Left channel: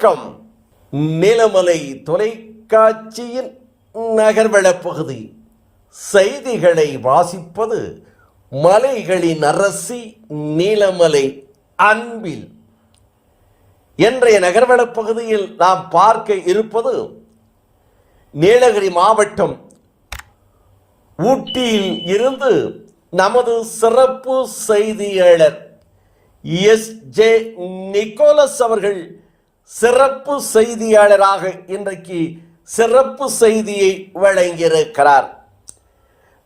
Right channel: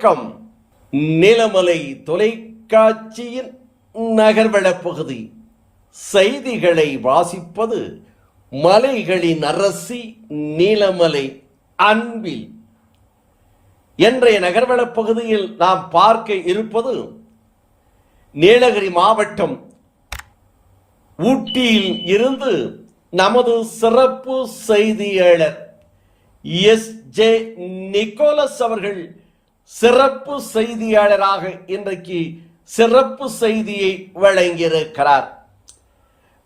வணக்கம். நீலமலை தொலைக்காட்சியின் நகர்வளப் பகுதி செய்திகளை வாசிப்பது மலைகளின் அரசி நீலமலை அன்பில். இன்றைய நகர்வளப் பகுதியில் நாம் பார்க்க இருப்பது நீலகிரி மாவட்டம் ஊட்டியில் இருந்து நமது சிறப்பு செய்தியாளர் எஸ்.ஜே. நிக்கோலஸ் அவர்கள் சிறப்பு செய்தியாளராக இன்றைக்கு சிறப்பு செய்தியை வழங்கியிருக்கிறார்.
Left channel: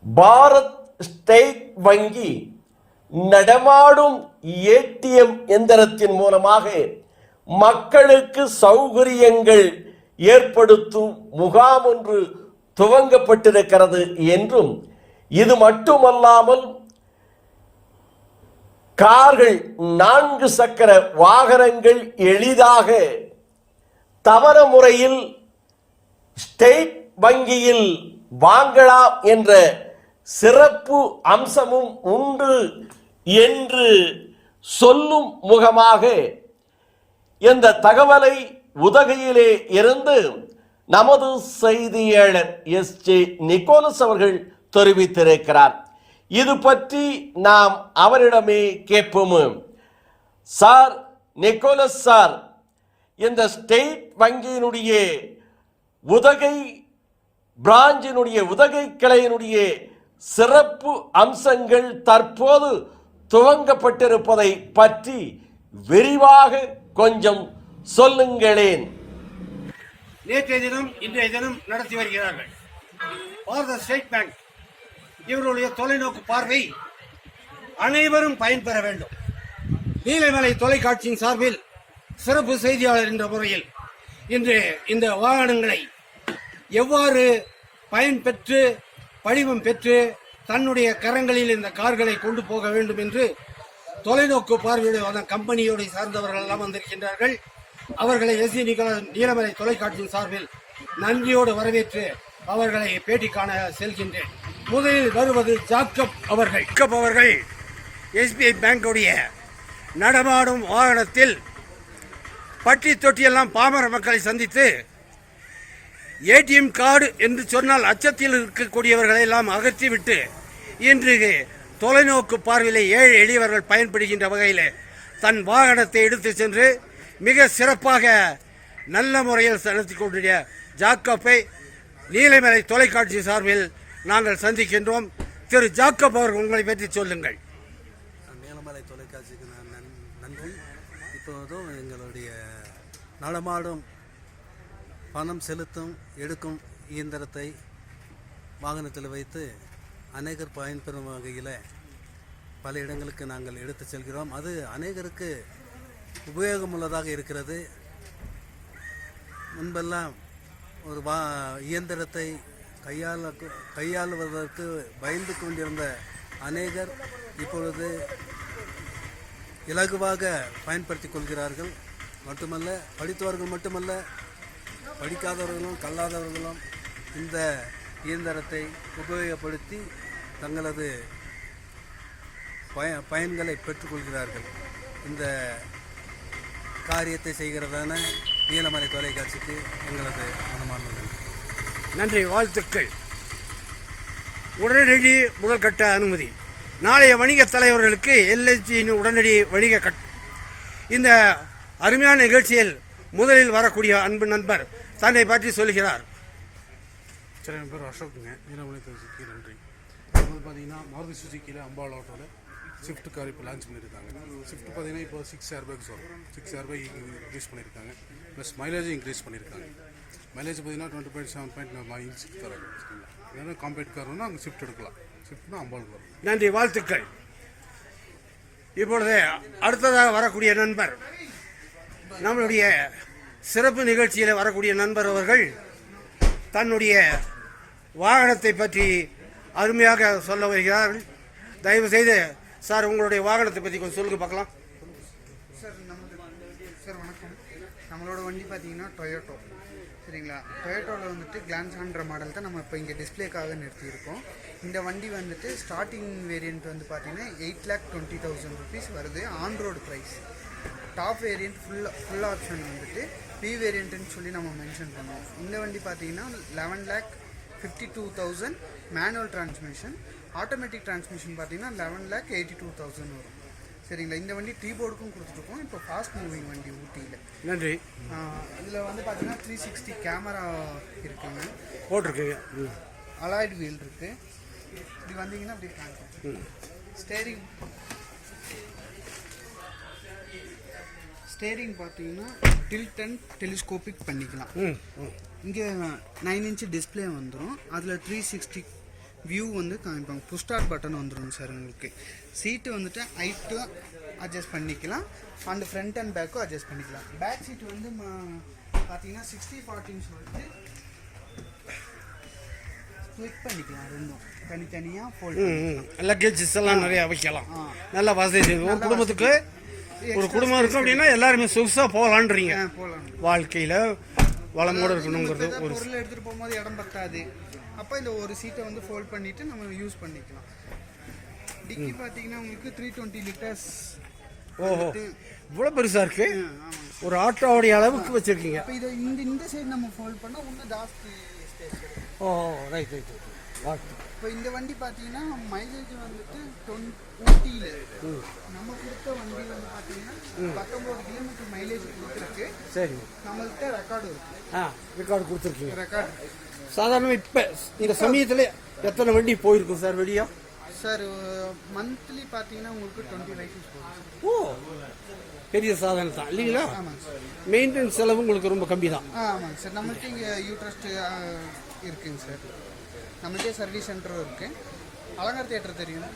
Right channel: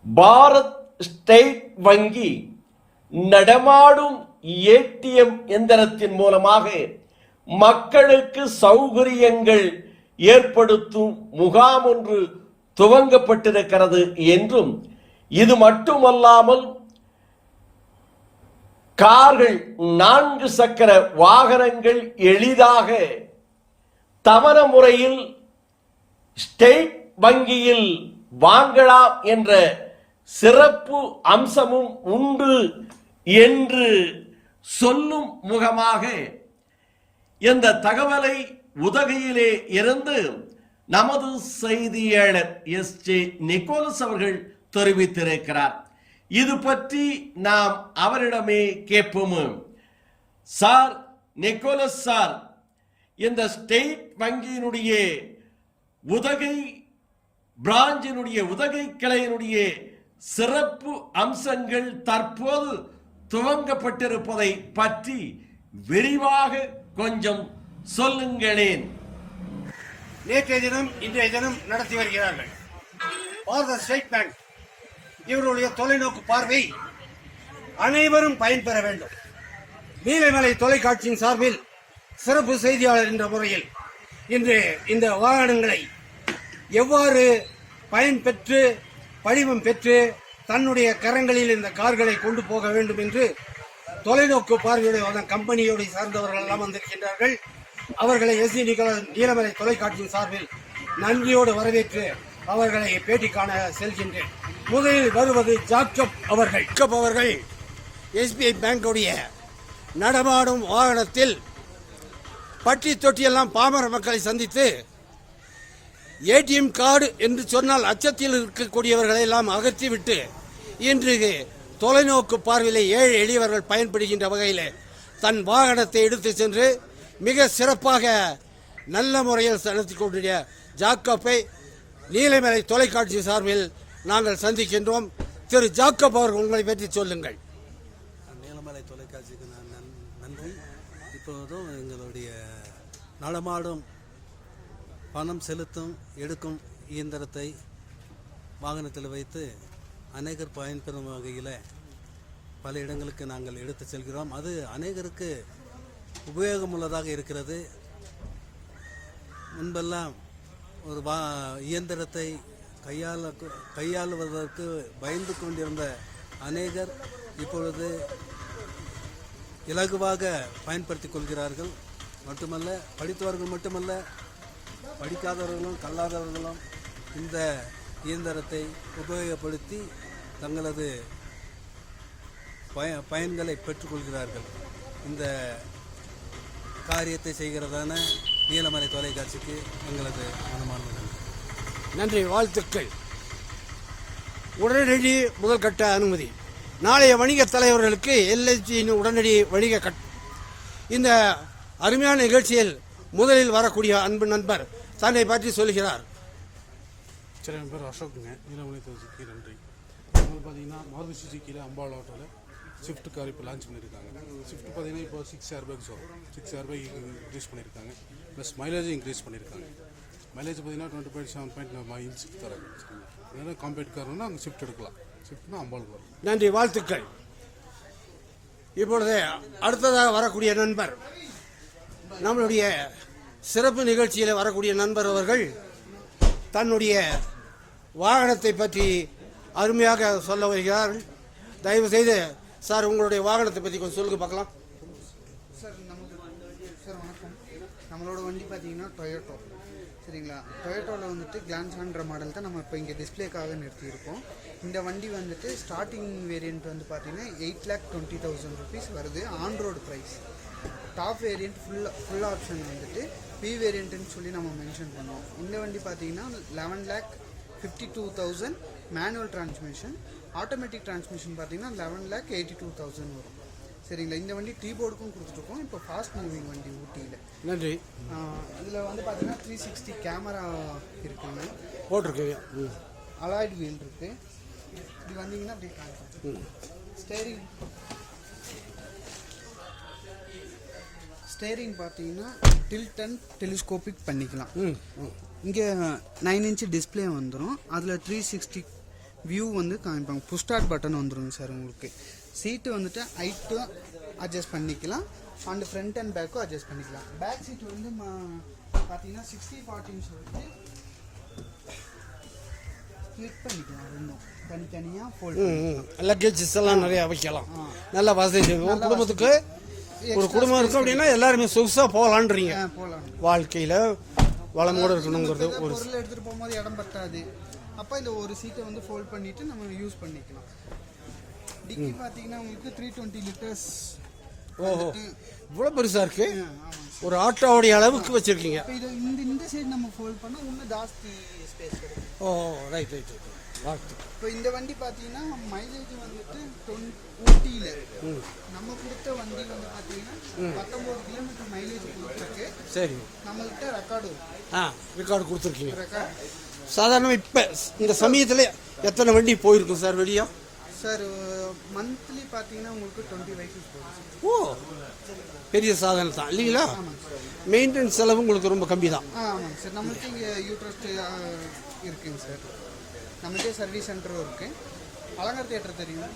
பாரத் ஸ்டேட் வங்கி நடமாடும் ஏடிஎம் எந்திரத்தின் மூலமாக மக்களுக்கு சௌகரியங்கள் ஏற்படுத்தும் முகாம் ஒன்று துவங்கப்பட்டிருக்கிறது என்றும், இது மட்டுமல்லாமல் கார்கள், 4 சக்கர வாகனங்கள் எளிதாக தவண முறையில் ஸ்டேட் வங்கியில் வாங்கலாம் என்ற சிறப்பு அம்சமும் உண்டு என்று சொல்லும் முகமாக இந்த தகவலை உதகையிலே இருந்து நமது செய்தியாளர் எஸ்.ஜே. நிக்கோலஸ் அவர்கள் தெரிவித்திருக்கிறார். இது பற்றி நாம் அவரிடமே கேட்போம். சார் நிக்கோலஸ் சார், இந்த ஸ்டேட் வங்கியினுடைய உதகை பிராஞ்சினுடைய உதகை கிளையினுடைய சிறப்பு அம்சங்கள் தற்போது துவங்கப்பட்டிருப்பதை பற்றி விரிவாக கொஞ்சம் சொல்லுங்களேன். நேற்றைய தினம் இன்றைய தினம் நடத்தி வருகிறார்கள். பாரத ஸ்டேட் பேங்க் இவருடைய தொலைநோக்கு பார்வை அனைவரும் பயன்பெற வேண்டும். நீலமலை தொலைக்காட்சியின் சார்பில் சிறப்பு செய்தியாளர் என்ற முறையில் இன்று இந்த வாகனங்களை எவ்வாறு பயன்பெற்று படிவம் பெற்று தன்னுடைய கரங்களில் இந்த கார்களை கொண்டு போக வேண்டும் என்று தொலைநோக்கு பார்வையுடைய கம்பெனியோடு சார்ந்தவர்கள் எல்லாம் வந்திருக்கின்றார்கள். அவர்களை எஸ்.ஜே. நிக்கோலஸ் நீலமலை தொலைக்காட்சியின் சார்பில் நன்றியோடு வரவேற்று அவர்களை பேட்டி காண செல்கின்றேன். முதலில் வருவது ஜாக்கப் அவர்கள். அவர்கள் எஸ்பிஐ பேங்குடைய நடமாடும் வாகனத்தில் பட்டி தொட்டியெல்லாம் பாமர மக்களை சந்தித்து ஏடிஎம் கார்டு என்று சொன்னால் அச்சத்தில் இருக்கக்கூடியவர்களை எல்லாம் அகற்றிவிட்டு இன்று தொலைநோக்கு பார்வையில் ஏழை எளியவர்கள் பயன்படுகின்ற வகையில் தன் வாகனத்தை எடுத்து சென்று மிக சிறப்பாக நல்ல முறையில் நடத்தி கொண்டிருக்கிற ஜாக்கப்பை நீலமலை தொலைக்காட்சி சார்பில் நாங்கள் சந்திக்கின்றோம். திரு ஜாக்கப் அவர்கள் உங்களை பற்றி சொல்லுங்கள். நீலமலை தொலைக்காட்சிக்கு நான் நன்றி. இப்போதும் எங்களுடைய நடமாடும் பணம் செலுத்தும் எடுக்கும் இயந்திரத்தை வாகனத்தில் வைத்து அநேகர் பயன்பெறும் வகையில் பல இடங்களுக்கு நாங்கள் எடுத்து செல்கிறோம். அது அநேகருக்கு உபயோகமுள்ளதாக இருக்கிறது. முன்பெல்லாம் ஒரு இயந்திரத்தை கையாளுவதற்கு பயந்து கொண்டிருந்த அநேகர் இப்பொழுது இலகுவாக பயன்படுத்தி கொள்கிறார்கள். மட்டுமல்ல, படித்தவர்கள் மட்டுமல்ல, படிக்காதவர்களும் கல்லாதவர்களும் இந்த இயந்திரத்தை உபயோகப்படுத்தி தங்களது பயன்களை பெற்றுக்கொள்கிறார்கள். இந்த காரியத்தை செய்கிறதான நீலமலை தொலைக்காட்சிக்கு எங்களது மனமார்ந்த நன்றி. நன்றி, வாழ்த்துக்கள். உடனடி முதல் கட்ட அனுமதி. நாளைய வணிக தலைவர்களுக்கு எல்ஐசியின் உடனடி வணிக இந்த அருமையான நிகழ்ச்சியில் முதலில் வரக்கூடிய அன்பு நண்பர் தன்னை பற்றி சொல்கிறார். சரி, என் பேர் அசோக்குங்க. நீலமலை தொலைக்காட்சிக்கு நன்றி. பார்த்தீங்கன்னா மாருதி சுசுக்கியில் அம்பாள் ஆட்டோவில் ஸ்விஃப்ட் கார் இப்போ லான்ச் பண்ணியிருக்காங்க. ஸ்விஃப்ட் பார்த்தீங்கன்னா இப்போ 6 ஏர்பேக்ஸ் வரும். 6 ஏர்பேக் இன்க்ரீஸ் பண்ணியிருக்காங்க. ப்ளஸ் மைலேஜும் இன்க்ரீஸ் பண்ணியிருக்காங்க. மைலேஜ் பார்த்தீங்கன்னா 20.7 தராங்க. ஏன்னா காம்பேக்ட் கார்னா அங்கே ஸ்விஃப்ட் எடுக்கலாம். ஸ்விஃப்ட்னா அம்பாளுக்கு வரும். நன்றி, வாழ்த்துக்கள். இப்பொழுது அடுத்ததாக வரக்கூடிய நண்பர், நம்மளுடைய சிறப்பு நிகழ்ச்சியில் வரக்கூடிய நண்பர் அவர்கள் தன்னுடைய வாகனத்தை பற்றி அருமையாக சொல்ல வருகிறார்கள். தயவு செய்து சார் உங்களுடைய வாகனத்தை பற்றி கொஞ்சம் சொல்லுங்க பார்க்கலாம். சார் வணக்கம். நம்மளோட வண்டி பார்த்தீங்கன்னா டொயோட்டோ, சரிங்களா. டொயோட்டோவில் வந்துட்டு கிளான்ஸான்ற மாடல் தான் நம்ம இப்போ இங்கே டிஸ்பிளேக்காக நிறுத்தியிருக்கோம். இந்த வண்டி வந்துட்டு ஸ்டார்டிங் வேரியண்ட் வந்து பார்த்தீங்கன்னா 8,20,000 rupees வருது on road price. Top variant full option வந்துட்டு வி வேரியண்ட்னு சொல்லி நம்ம மென்ஷன் பண்ணுவோம். இந்த வண்டி பார்த்தீங்கன்னா 11,52,000 மேனுவல் டிரான்ஸ்மிஷன். ஆட்டோமேட்டிக் டிரான்ஸ்மிஷன் பார்த்தீங்கன்னா 11,82,000 வரும். சரிங்களா, இந்த வண்டி டீ போர்டுக்கும் கொடுத்துருக்கோம். இப்போ ஃபாஸ்ட் மூவிங் வண்டி ஊட்டியில். நன்றி. இதில் வந்து பார்த்தீங்கன்னா 360 கேமரா இருக்குங்க, போட்டிருக்கீங்க. அலாய்டு வீல் இருக்கு. இப்படி வந்தீங்கன்னா அப்படியே காமிக்கும். ஸ்டேரிங் பார்த்தீங்கன்னா டில்ட் அண்ட் டெலிஸ்கோபிக் பண்ணிக்கலாம். இங்கே 9 இன்ச் டிஸ்பிளே வந்துடும். அதில் 360 வியூ வந்து காமிப்பாங்க. புஷ் ஸ்டார்ட் பட்டன் வந்துடும் சார் உங்களுக்கு. சீட்டு வந்துட்டு ஹைட்டும் அட்ஜஸ்ட் பண்ணிக்கலாம், அண்ட் ஃப்ரண்ட் அண்ட் பேக்கும் அட்ஜஸ்ட் பண்ணிக்கலாம். பேக் சீட் வந்து பார்த்தீங்கன்னா 60/40 சொல்லிட்டு கிளிக் பண்ணிக்கலாம். ரெண்டும் தனித்தனியாக ஃபோல்ட் லக்கேஜஸ் எல்லாம் நிறைய வைக்கலாம். நல்ல வசதி இருக்கும். குடும்பத்துக்கு ஒரு குடும்பம் இருக்கும் அப்படின்னா எல்லாருமே சொகுசாக போகலான்றீங்க. வாழ்க்கையில் வளமோடு இருக்கணுங்கிறது ஒரு பொருள் எடுத்துகிட்டு போகும்போது இடம் பத்தாது. அப்போ இந்த ஒரு சீட்டை வந்து ஃபோல்ட் பண்ணிவிட்டு நம்ம யூஸ் பண்ணிக்கலாம். டிக்கி பார்த்தீங்கன்னா உங்களுக்கு 320 லிட்டர்ஸ். ஓஹோ, இவ்வளோ பெருசாக இருக்கு. ஒரு ஆட்டோவுடைய அளவுக்கு வச்சுருக்கீங்க. இப்போ இதை இந்த சைடு நம்ம ஃபோல்ட் பண்ணால் இன்னும் ஜாஸ்தி ஸ்பேஸ் கிடைக்கும். ஓ, ரைட். இப்போ இந்த வண்டி பார்த்தீங்கன்னா மைலேஜ் வந்துட்டு ஊட்டியில் நம்ம கொடுத்த வண்டி வந்து பார்த்தீங்கன்னா 19 கிலோமீட்டர் மைலேஜ் கொடுத்துருக்கு. சரி, நம்மள்கிட்ட ரெக்கார்டு இருக்கு. ரெக்கார்டு கொடுத்துருக்கீங்க. ரெக்கார்டு சாதாரணமாக இப்போ இந்த சமயத்தில் எத்தனை வண்டி போயிருக்கும் சார் வெளியே? சார் மந்த்லி பார்த்தீங்கன்னா உங்களுக்கு 20 வெஹிக்கிள்ஸ் போகும். ஓ, பெரிய சாதனை தான் இல்லைங்களா? மெயின்டெனன்ஸ் செலவு உங்களுக்கு ரொம்ப கம்மி தான். ஆமாங்க சார். நம்மளுக்கு இங்கே யூட்ரஸ்ட் இருக்குங்க சார். நம்மகிட்டே சர்வீஸ் சென்டரும் இருக்கு. அலங்கார் தியேட்டர் தெரியும்,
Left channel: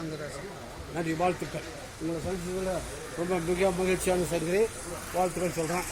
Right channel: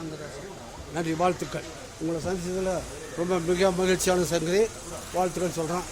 அங்கே தான் சார். நன்றி, வாழ்த்துக்கள். உங்களை சந்திச்சதில் ரொம்ப மிக மகிழ்ச்சியான சரி, வாழ்த்துக்கள் சொல்கிறேன்.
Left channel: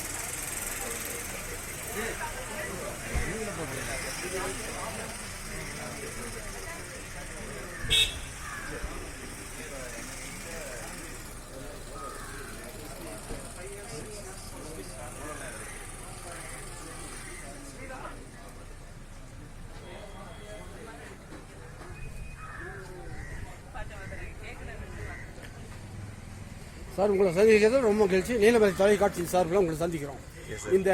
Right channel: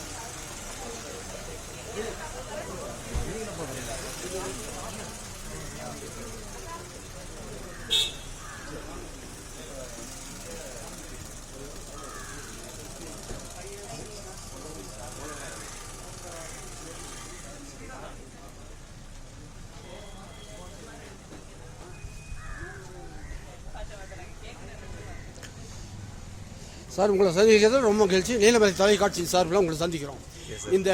சார், உங்களை சந்திக்கிறது ரொம்ப மகிழ்ச்சி. நீலமலை தொலைக்காட்சி சார்பில் உங்களை சந்திக்கிறோம். இந்த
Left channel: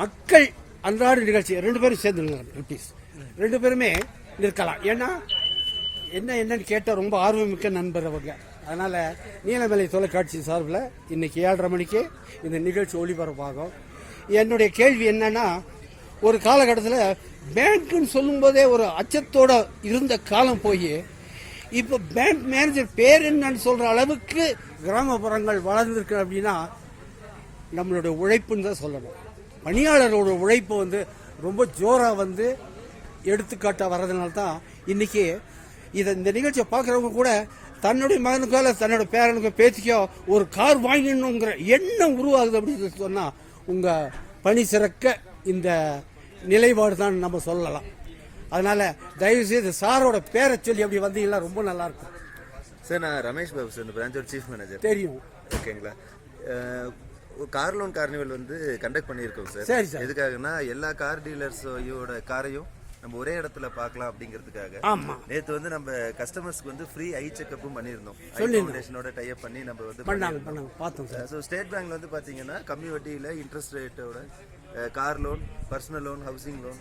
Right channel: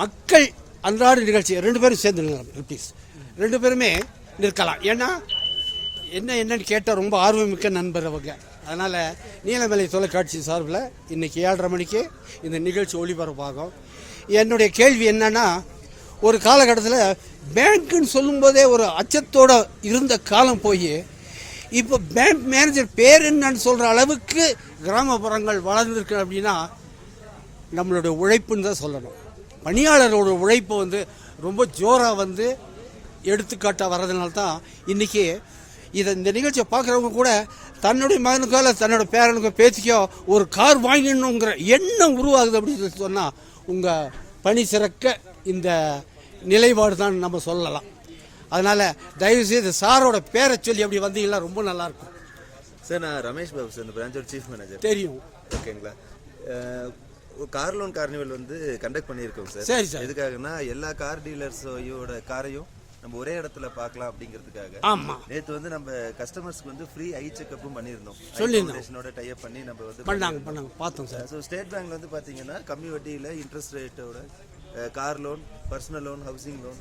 மக்கள் அன்றாட நிகழ்ச்சி 2 பேரும் சேர்ந்து ப்ளீஸ் 2 பேருமே நிற்கலாம். ஏன்னா என்னன்னு கேட்டால் ரொம்ப ஆர்வமிக்க நண்பர் அவங்க. அதனால் நீலமலை தொலைக்காட்சி சார்பில் இன்றைக்கி 7:30 மணிக்கு இந்த நிகழ்ச்சி ஒளிபரப்பாகும். என்னுடைய கேள்வி என்னன்னா, ஒரு காலகட்டத்தில் பேங்க்குன்னு சொல்லும்போதே ஒரு அச்சத்தோடு இருந்த காலம் போய் இப்போ பேங்க் மேனேஜர் பேர் என்னன்னு சொல்கிற அளவுக்கு கிராமப்புறங்கள் வளர்ந்துருக்கு. அப்படின்னா நம்மளுடைய உழைப்புன்னு தான் சொல்லணும். பணியாளரோட உழைப்பு வந்து ரொம்ப ஜோராக வந்து எடுத்துக்காட்டாக வர்றதுனால தான் இன்றைக்கி இந்த நிகழ்ச்சியை பார்க்குறவங்க கூட தன்னுடைய மகனுக்கோ இல்லை தன்னோட பேரனுக்கோ பேத்திக்கோ ஒரு கார் வாங்கிடணுங்கிற எண்ணம் உருவாகுது அப்படின்னு சொன்னால் உங்கள் பணி சிறக்க இந்த நிலைப்பாடு தான் நம்ம சொல்லலாம். அதனால் தயவுசெய்து சாரோட பேரை சொல்லி அப்படி வந்தீங்கன்னா ரொம்ப நல்லாயிருக்கும். சார், நான் ரமேஷ் பாபு சார், இந்த பிரான்ச்சோட சீஃப் மேனேஜர். தெரியும். ஓகேங்களா. கார் லோன் கார்னிவல் வந்து கண்டக்ட் பண்ணியிருக்கோம் சார். சரி சார். எதுக்காகனா எல்லா கார் டீலர்ஸோட காரையும் நம்ம ஒரே இடத்துல பார்க்கலாம் அப்படிங்கிறதுக்காக. ஆமா, நேற்று வந்து நம்ம கஸ்டமர்ஸ்க்கு வந்து ஃப்ரீ ஐ செக்அப்பும் பண்ணியிருந்தோம். சொல்லியிருந்தோம். டைப் பண்ணி நம்ம வந்து பண்ணாங்க பார்த்தோம் சார். ஸோ ஸ்டேட் பேங்க்ல வந்து பார்த்தீங்கன்னா கம்மி வட்டியில் இன்ட்ரெஸ்ட் ரேட்டோட car loan, personal loan, housing loan,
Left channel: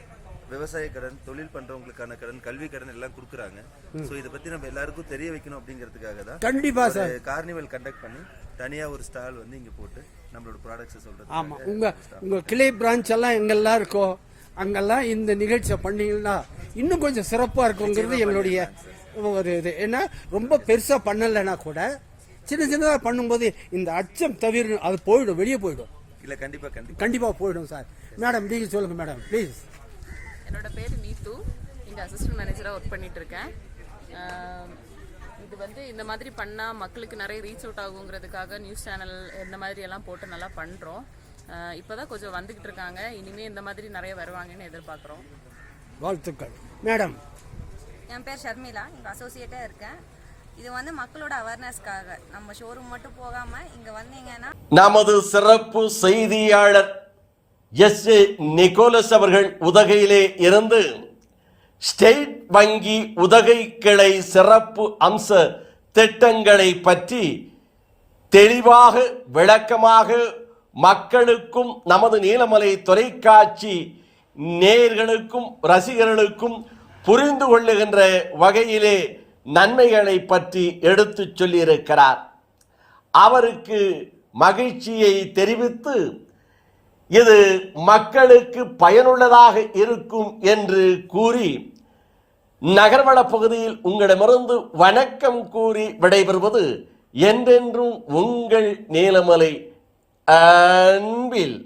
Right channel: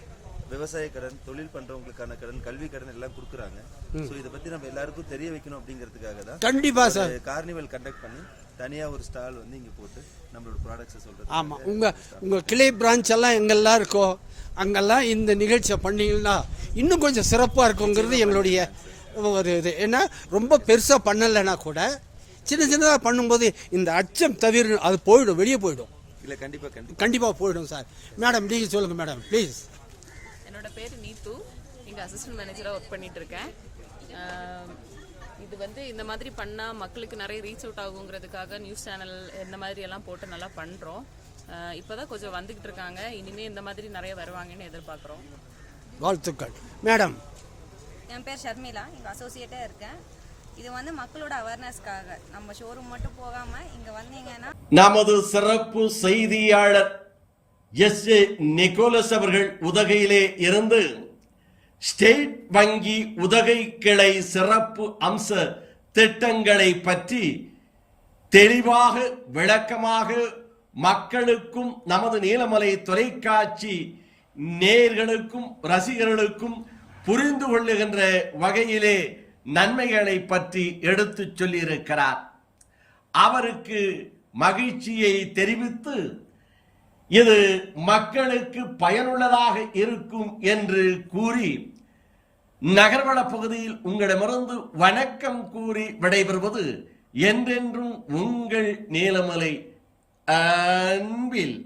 விவசாய கடன், தொழில் பண்றவங்களுக்கான கடன், கல்வி கடன் எல்லாம் கொடுக்குறாங்க. ஸோ இதை பத்தி நம்ம எல்லாருக்கும் தெரிய வைக்கணும் அப்படிங்கிறதுக்காக தான் கண்டிப்பா சார் கார்னிவல் கண்டக்ட் பண்ணி தனியா ஒரு ஸ்டால் வந்து இங்க போட்டு நம்மளோட ப்ராடக்ட்ஸ் சொல்றது. ஆமா, உங்க கிளை பிரான்ச் எல்லாம் எங்கெல்லாம் இருக்கோ அங்கெல்லாம் இந்த நிகழ்ச்சியை பண்ணீங்கன்னா இன்னும் கொஞ்சம் சிறப்பாக இருக்குங்கிறது எங்களுடைய ஒரு இது. ஏன்னா ரொம்ப பெருசாக பண்ணலைன்னா கூட சின்னதாக பண்ணும்போது இந்த அச்சம் தவிர அது போயிடும், வெளியே போயிடும். இல்லை, கண்டிப்பாக போயிடும் சார். மேடம், நீங்கள் சொல்லுங்கள் மேடம் ப்ளீஸ். என்னோட பேர் நீத்து, இங்கே அசிஸ்டன்ட் மேனேஜராக ஒர்க் பண்ணிட்டு இருக்கேன். இது வந்து இந்த மாதிரி பண்ணால் மக்களுக்கு நிறைய ரீச் அவுட் ஆகுங்கிறதுக்காக நியூஸ் சேனல் இந்த மாதிரி எல்லாம் போட்டு நல்லா பண்ணுறோம். இப்போ தான் கொஞ்சம் வந்துக்கிட்டு இருக்காங்க. இனிமேல் இந்த மாதிரி நிறைய வருவாங்கன்னு எதிர்பார்க்குறோம். வாழ்த்துக்கள். மேடம், என் பேர் ஷர்மிளா, இங்கே அசோசியேட்டாக இருக்கேன். இது வந்து மக்களோட அவேர்னஸ்க்காக நம்ம ஷோரூம் மட்டும் போகாமல் இங்கே வந்தீங்கன்னா நமது சிறப்பு செய்தியாளர் எஸ்.ஏ. நிக்கோலஸ் அவர்கள் உதகையிலே இருந்து ஸ்டேட் வங்கி உதகை கிளை சிறப்பு அம்ச திட்டங்களை பற்றி தெளிவாக விளக்கமாக மக்களுக்கும் நமது நீலமலை தொலைக்காட்சி நேயர்களுக்கும் ரசிகர்களுக்கும் புரிந்து கொள்ளுகின்ற வகையிலே நன்மைகளை பற்றி எடுத்துச் சொல்லியிருக்கிறார். அவருக்கு மகிழ்ச்சியை தெரிவித்து இது மக்களுக்கு பயனுள்ளதாக இருக்கும் என்று கூறி நகர்வள பகுதியில் உங்களிடமிருந்து வணக்கம் கூறி விடைபெறுவது என்றென்றும் உங்கள் நீலமலை அன்பில்.